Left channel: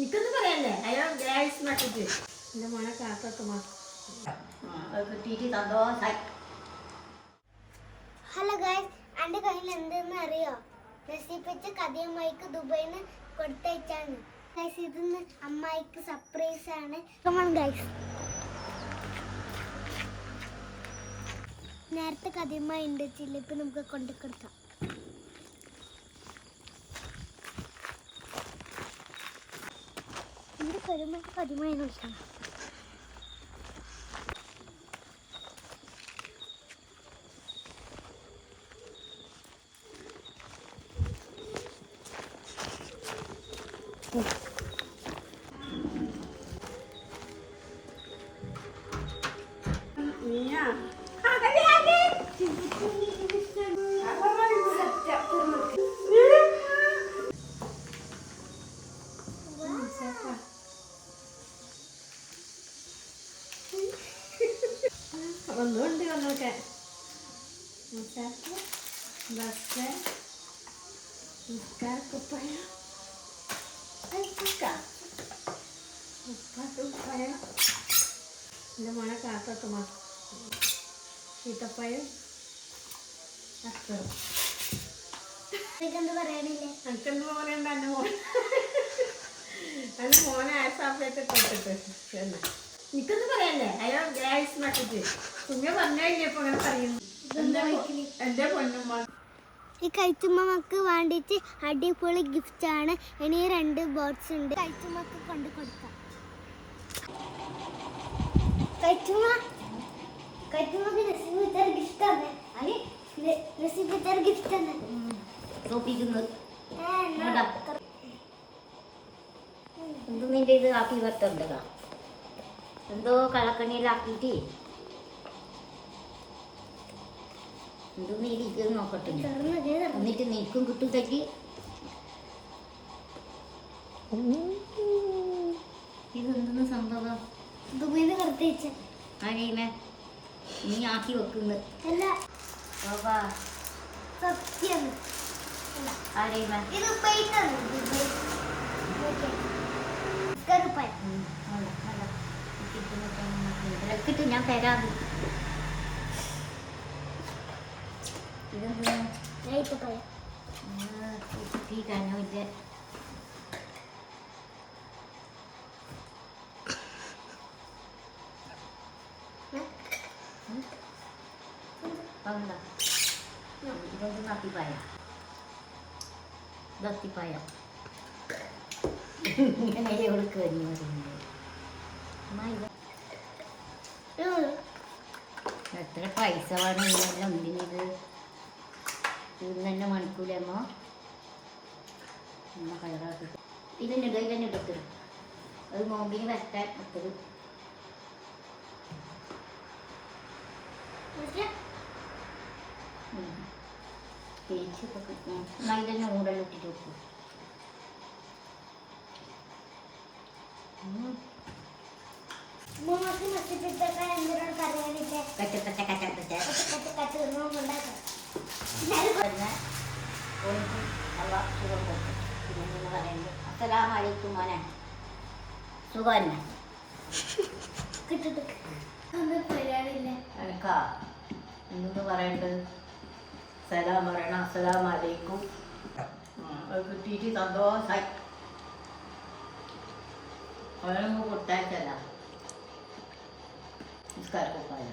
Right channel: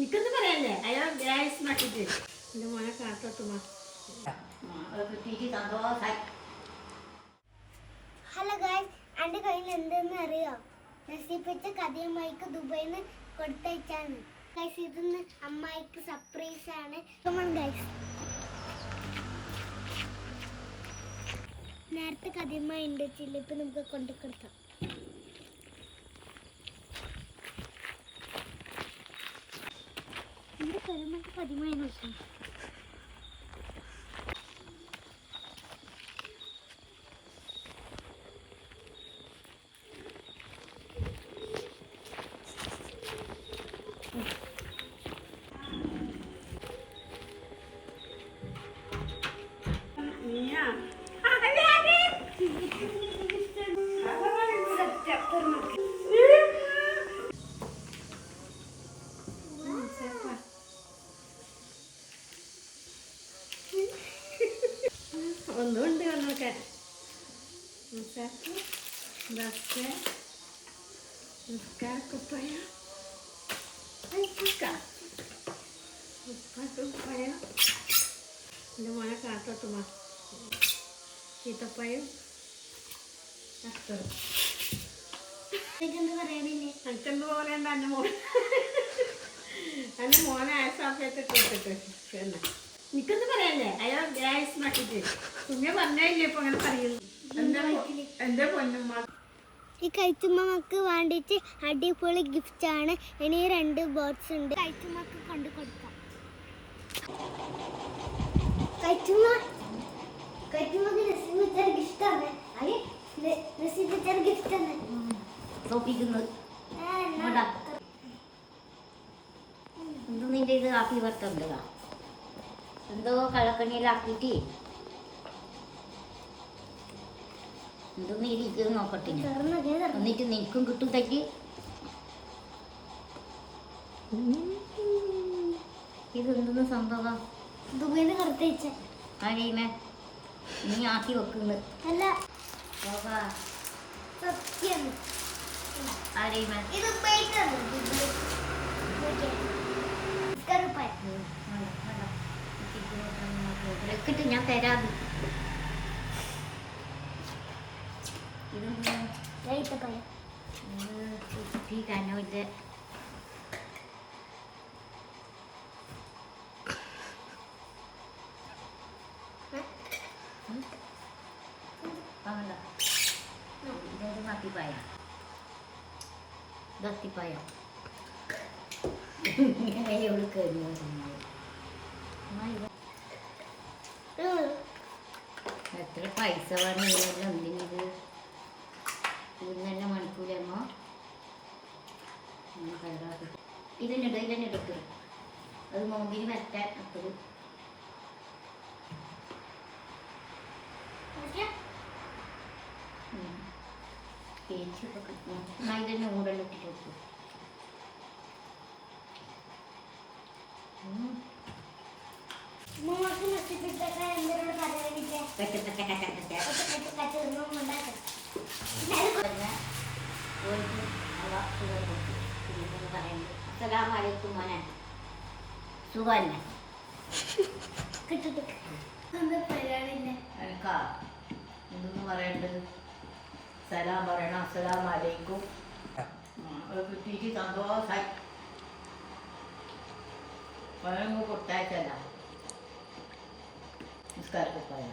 നിക്കൊന്ന് പറയല്ലേ അയാൾ ഗ്യാസ് നട്ടിട്ട് എൻ്റെ മോനെ കാത്തോട്ടുമാ കിട്ടിയിട്ട് സന്തോഷമായി. ഹലോ ഗൈസ്, എൻ്റെ കയ്യിൽ എന്തെന്ന് അറിയോ? നസീബത്തെ കഥയമ്മായിക്ക് ദുബായിൽ നിന്ന് കൊടുത്തയച്ചാണ് ഗൈസ്. ഇതൊന്ന് അമ്മായിക്ക് സർപ്രൈസ് ആണ്. Come on guys. നേരത്തെ കഥയമ്മായി ഉണ്ട് വെച്ചില്ല, ഇപ്പം നമുക്ക് കൊണ്ടു കൊടുക്കാം. എൻ്റെ കഥയമ്മയ്ക്ക് കഥയമായി കൊടുക്കാം. ഒന്നുണ്ട് കണ്ണൊക്കെ നിസ്കാരക്കുപ്പായ ഉപ്പാക്കുപ്പായ എൻ്റെ മോനെ കാത്തോട്ടുമാ ചീത്തപ്പായും അസ്തറും. എനിക്കെന്ത് പറയണ്ട എൻ്റെ മോനെ ആയസാപ്പിയൊക്കെ കൊടുത്തിട്ട് പിന്നെ നിക്കൊന്ന് പറയല്ലേ അയാൾ ഗ്യാസ് നട്ടിട്ട് കുഞ്ഞ പറഞ്ഞില്ലേ ഇപ്പൊ അങ്ങനെ പറയുന്നു. എൻ്റെ പൊന്നുമ്മ ഈ കഴിച്ചുമ്മക്ക് വേണ്ടിയിട്ട് അടിപൊളി ഗിഫ്റ്റ് ആണ്. ഇനി 2 ബോക്സ് ഉണ്ട്. കഴിച്ചുമ്മക്ക് കൊണ്ട് കൊടുക്കാം. കഴിച്ചുമ്മക്ക് നസീബ് ഗിഫ്റ്റ് ആണ്. നസീബ് ഗിഫ്റ്റ് ആണ് എന്ത് നിന്റെ ഇത് ആക്കി വരത്തുണ്ടതാ എന്തോ കളക്കണിയിലാക്കിയിട്ട് എന്തൊന്നും ഇരിക്കും നോക്കട്ടെ. എന്നിട്ട് നിൽക്കും കിട്ടുമ്പത്തേക്ക് ഇതെന്തെന്ന് സംഭവം ദുബൈന്ന് കൊടുത്തയച്ച ആരെയുമേ നീ ആക്കി വെക്കുന്നത് അല്ല സത്യം. ആരെയുമേ ഇത് ദുബൈക്കാണ്. ഇതൊക്കെ ഞാൻ തരാതെ ഇതെന്താ കനോ ഇത് ഇതൊരു അത്തിപ്പായ ഇതത്തിപ്പായ ഇങ്ങനെ എവിടെ കഴിഞ്ഞു എത്ര പൈസ വേണം ഇതെല്ലാം എന്തിനിത് ഇന്ന് തന്നെ മണിക്കൂലമ്മോ കളറാക്കി ഇതിനെ എടുക്കുക. അത് നോമ്പിന് വരട്ടാൻ അത്തത് തേച്ചൊക്കെ കിട്ടണം. എന്നാൽ ഇതന്നെ ഊടെല്ലാം ഇട്ടിട്ട് വെക്കും. അസ്സലാമലൈക്കും മോനെ സുഖം തന്നെ എനിക്കാ എന്തെന്ന് പറയണ്ടത് സലാം പറയണം. അസ്സലാമലൈക്കും അത് കിട്ടിയിട്ട് സന്തോഷമായി. അവനങ്ങ് കൊടുത്തയച്ചല്ല നിസ്കാരക്കുപ്പായ